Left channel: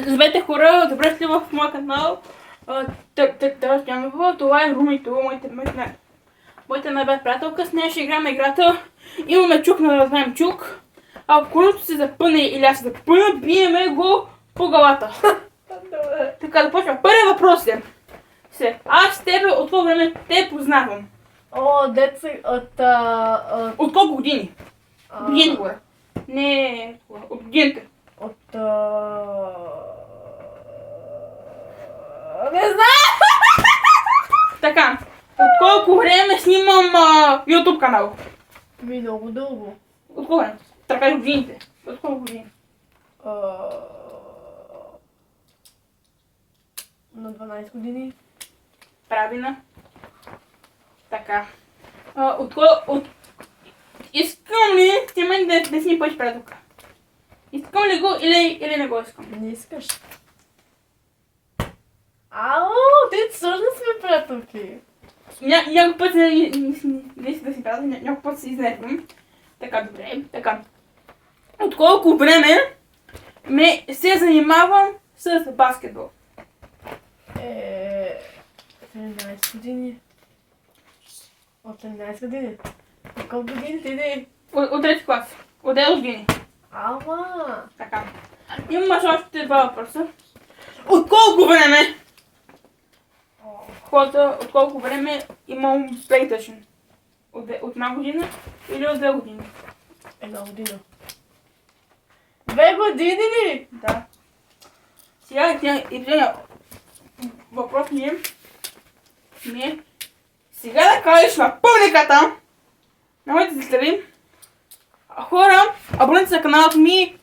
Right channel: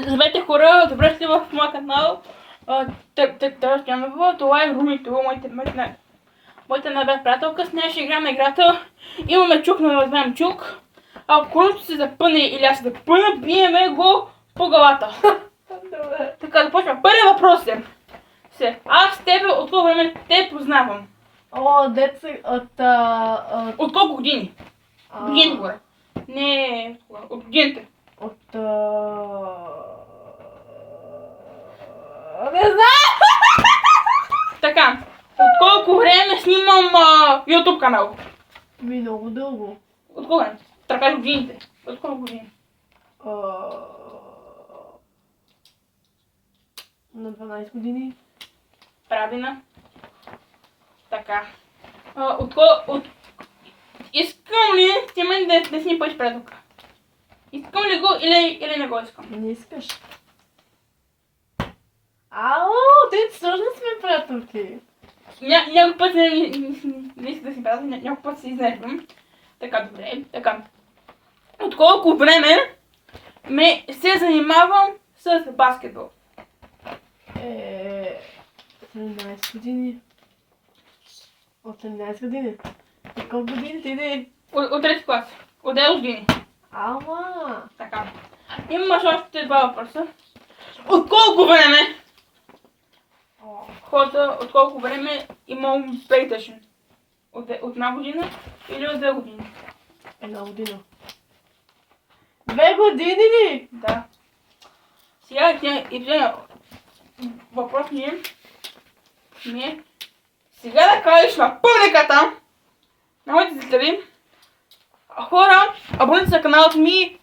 Здравейте хора, добре сте в моя канал. Това е Румито, моята най-бед приятелка. С нея ще играем играта. Имаме чук, но разберем чук. Ако колето се запъне или аз се запъна, биеме го по главата. Така, започваме. Първият въпрос е. Аз тебе от колко време те познавам? Деца От колко години? Години горе. Не, от годините. Не знам! Така, от колко време снимам YouTube канал? Много дълго. От колко време? Тръкаш годините. От колко години? На 12 години. Правилно. Така. Искам ли ти мен да си ни пъш приятелка? Искам ли го или не го искам? Не искаш. Те също сме приятелки. Някой път не иска да си приятел, някой път се изнервям. Така, добре. Така. От колко време се занимавам с баскетбол? 17 години. От 17 години. От колко години ти? От трети клас. От 9 години. Така. Имаш още два въпроса. От колко време? Хората, от колко време имам PlayStation? От една година или от 2 години? Една година. 2 години ли? Да. Сега въпрос ми е сега да кажеш на публиката, на моите зрители, хора, абонирайте се на каналът ми,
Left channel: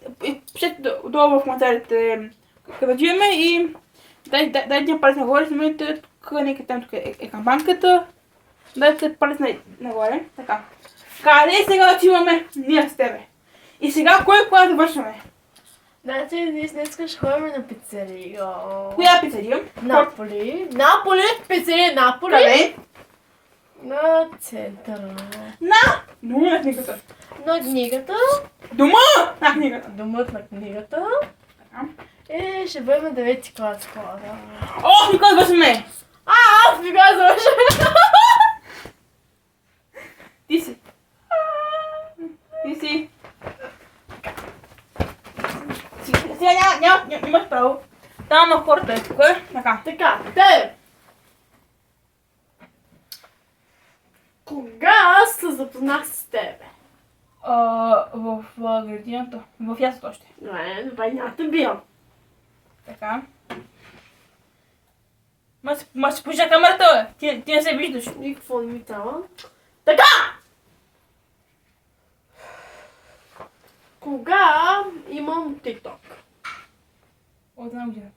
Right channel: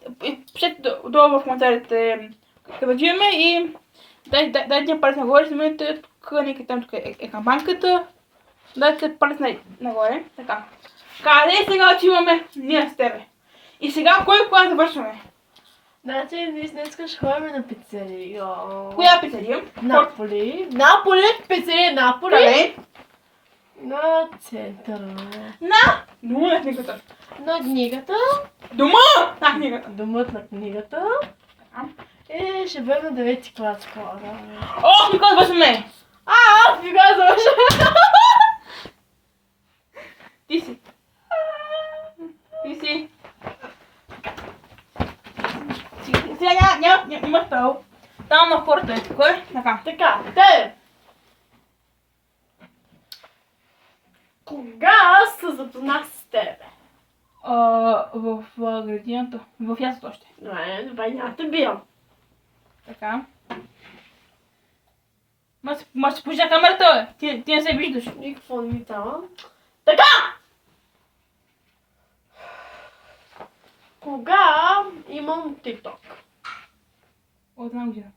пишете долу в коментарите къде отиваме и дайте палец нагоре, снимайте тук е камбанката, дайте палец нагоре, така. Къде сега отиваме ние с тебе? И сега кой клас завършваме? Значи, днес ще ходим на пицерия. Коя пицерия? Наполи, пицерия Наполи. Къде? На центъра. На книгата. На книгата. Дома на книгата. Домът на книгата. Ще бъдем на 9 клас хора. О, никога завършваме! Аз ми го завършвам. Ти си. Сега нямаш право. Там на хората е тук. Така. Те! Кога се запознах с тебе? В градината. В ясното още. Добре, няма те бил. Така. Ма си пожа камерата, бе. Ти не се виждаш. Никакво не ми трябва. Така! Кога имам TikTok? От една година.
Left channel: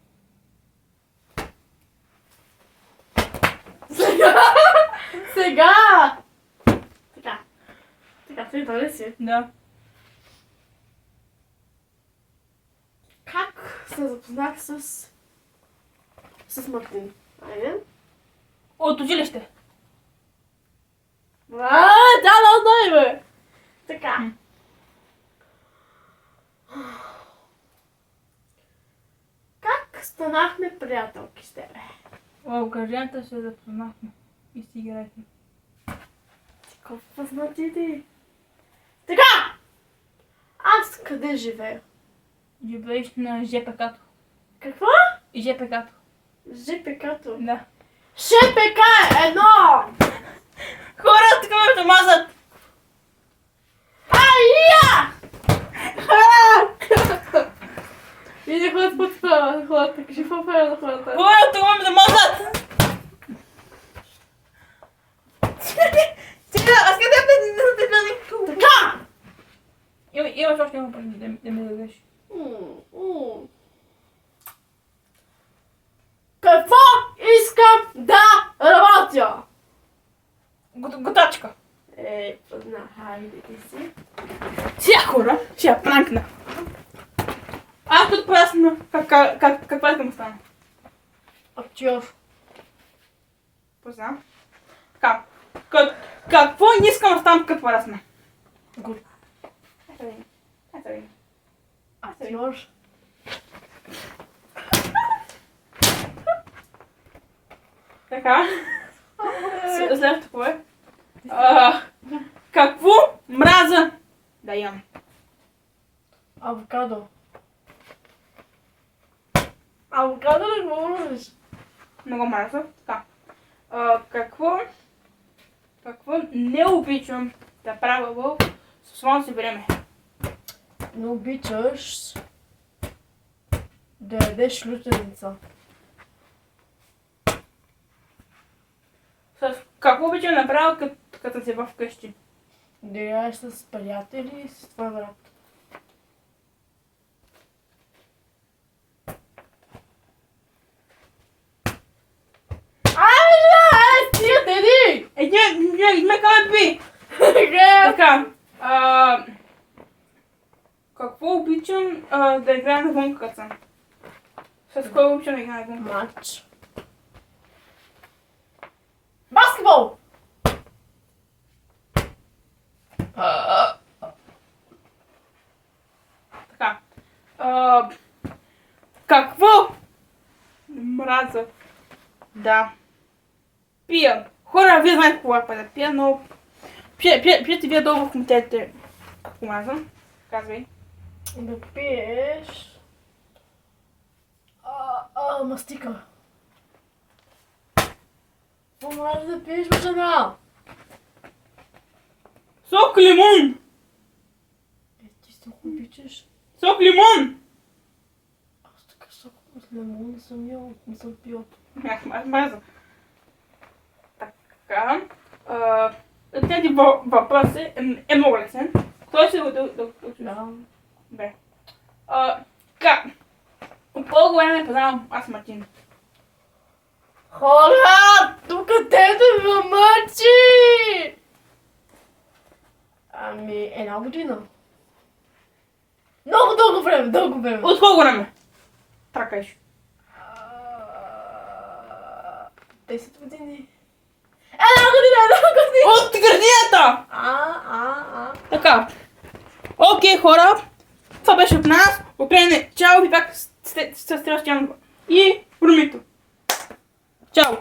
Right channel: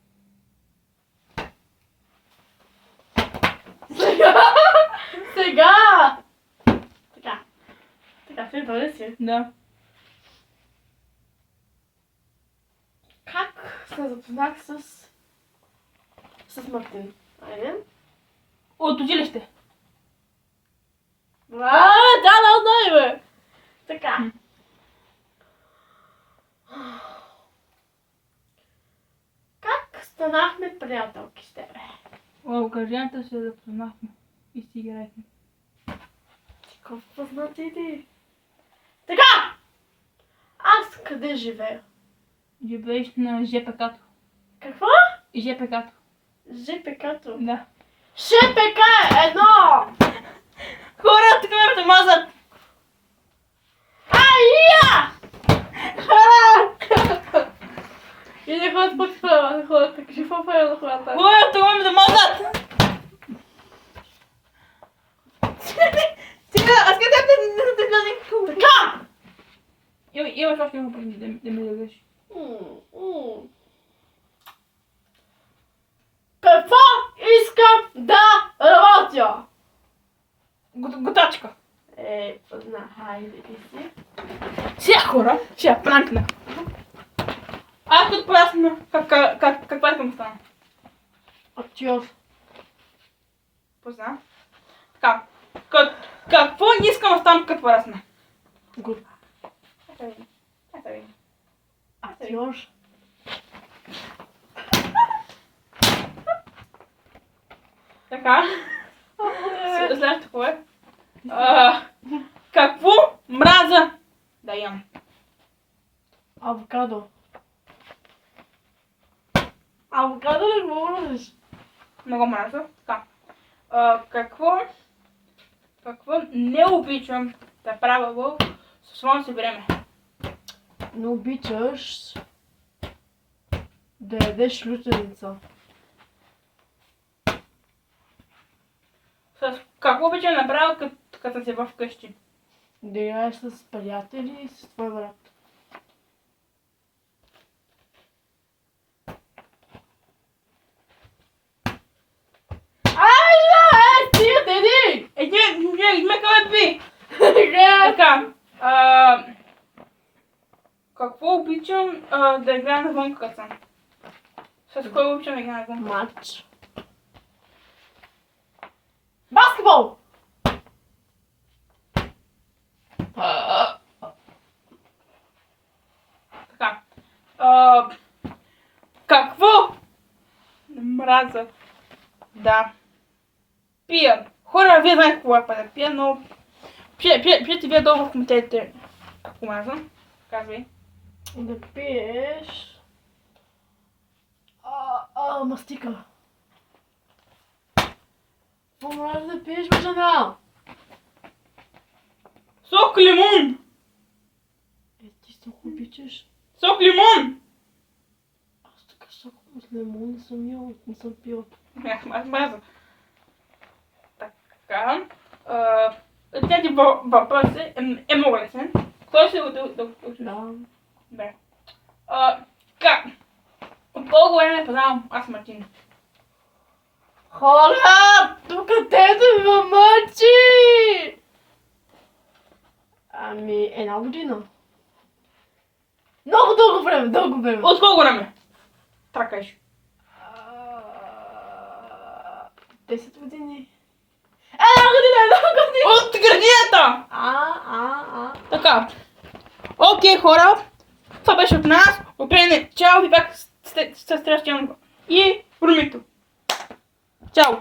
Сега! Така, ти дали си? Да. Как се запознах с Мартин? Айде. От училище. Да, бе! Така. Как станахме приятелки с тебе? В градината се запознахме. И си играехме. Какво познати ти? Така! Аз къде живея? Живееш на ЖПК-то. Какво? ЖПК-то. ЖПК-то? Да. ШПК едно! Хора, тук ме мазат! Ая! И не ходят под хората. Кажи какво прави на хората. Хора, тук ме мазат! Сега, аз къде не те гледам? Така! Имаш още един въпрос да ме дадеш. Какво искам да работя? Готачка. Хайде ти си. Сега хора, ще я пранкна. Аз тут поясна каква искам да стана. Актьор. Позна. Така. Какво искам да стана като поясна? Актьор. Така. Следващото е. Какво мраза да ям? Авокадо. Авокадо не го мразиш. Не го мраза. Така. Какво не обичам да правя в свободно си време? Не обичаш да ядеш лютеница. С какво обичам да правя като си вкъщи? Да яеш с приятели и с твой брат. Стига, теди! Ме каме би! Така. Така. Какво обичам да играя навън като съм? С кой обичам да играя навън? Матч. Баскетбол! Така. Какво мраза да пия? Хора, вие знаете какво е да пия, но пиете вие долу в коментарите какво мраза. Казвай. Да пиеш... мастика. Какво може да пиеш, жена? Сок лимон! Ти сок обичаш? Сок лимон! Аз така сок с лимон не съм ял, не съм пил. Аз мраза. Така. Тези въпроси е много лесен. Кой ще го да учиш? Да. Добре. Как? От колко време познавам аз Мартин? Хора! Тук те да мъчи! Ами, една година. Много дълго време, дълго време. От колко време? Това кажеш. 10 години. Една година! От градината! Така. Окей, хора. Това беше от нас. От мене. Чао ви пак с следващия и Румито. Чао.